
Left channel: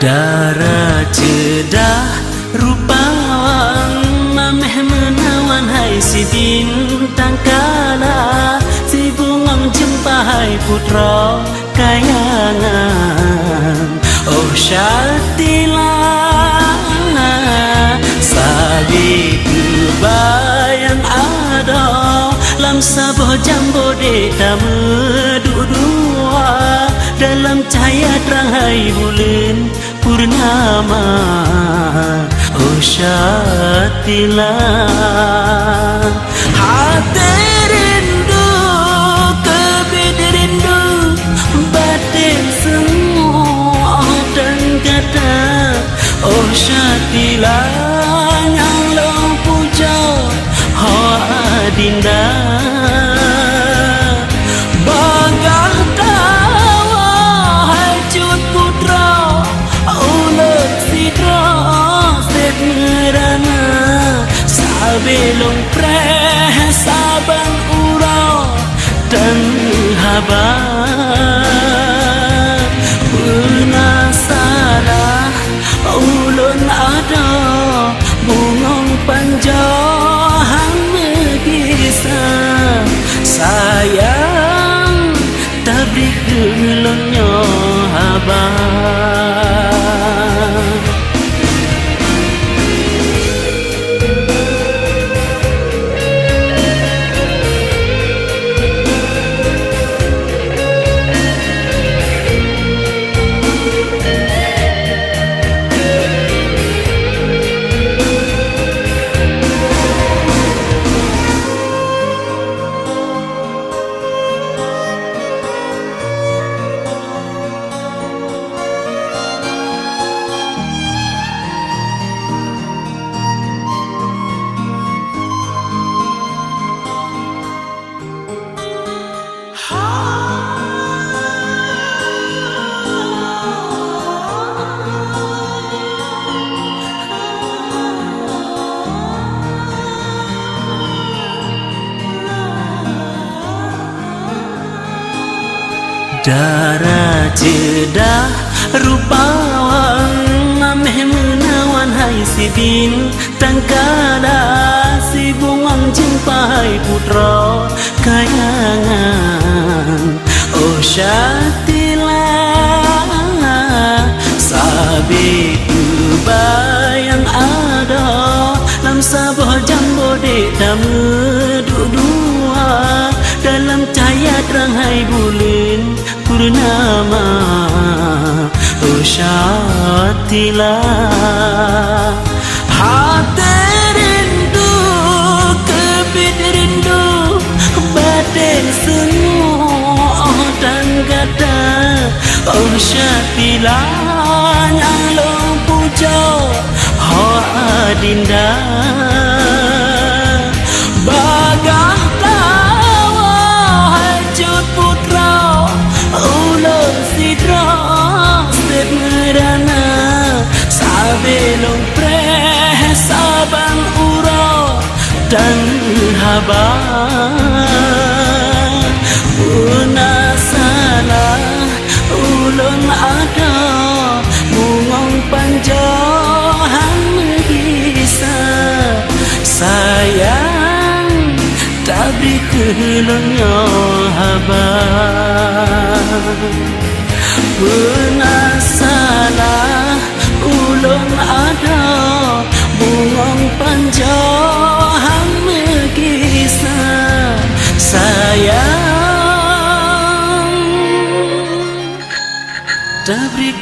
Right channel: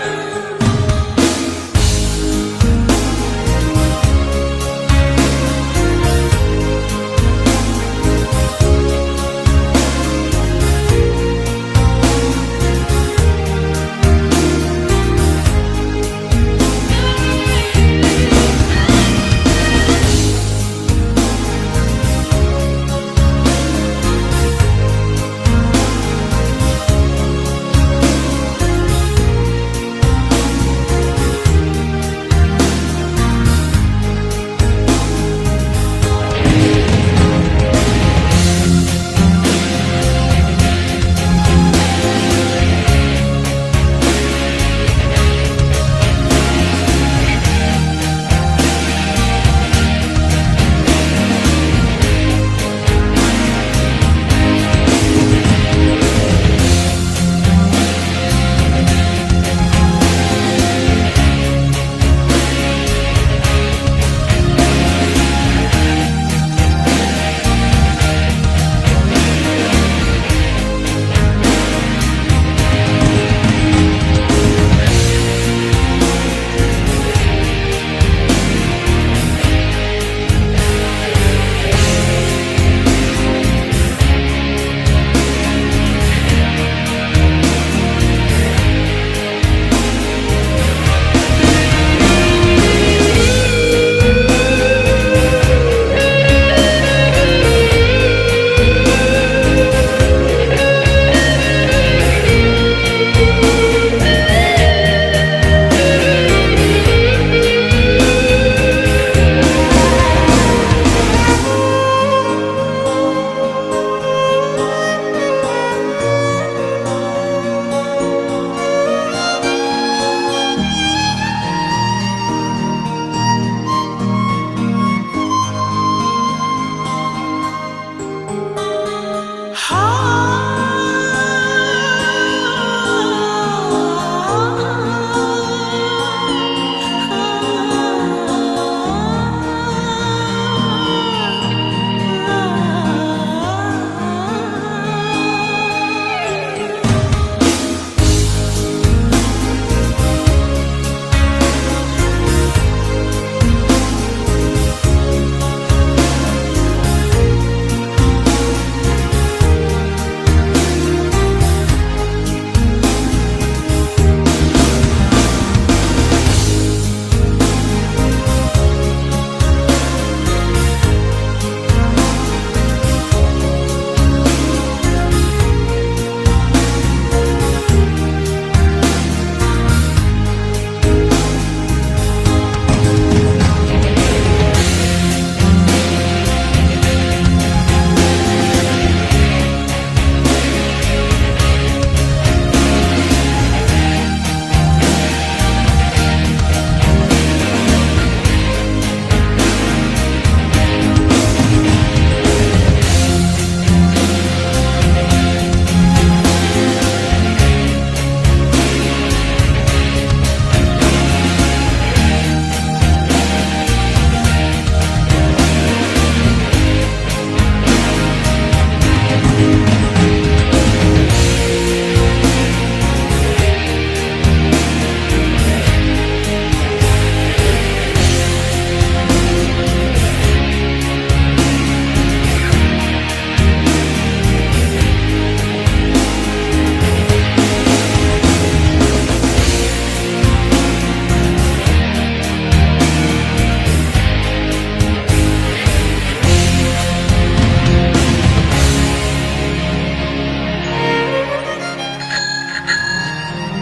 Darah cedah rupawan nameh menaman hai si bintang kala si bungam jumpa hai putra kayangan oh syatilah sadi bayang ada lam sabo jambo deta berdua dalam cahaya terang hai bulan purna Tabrik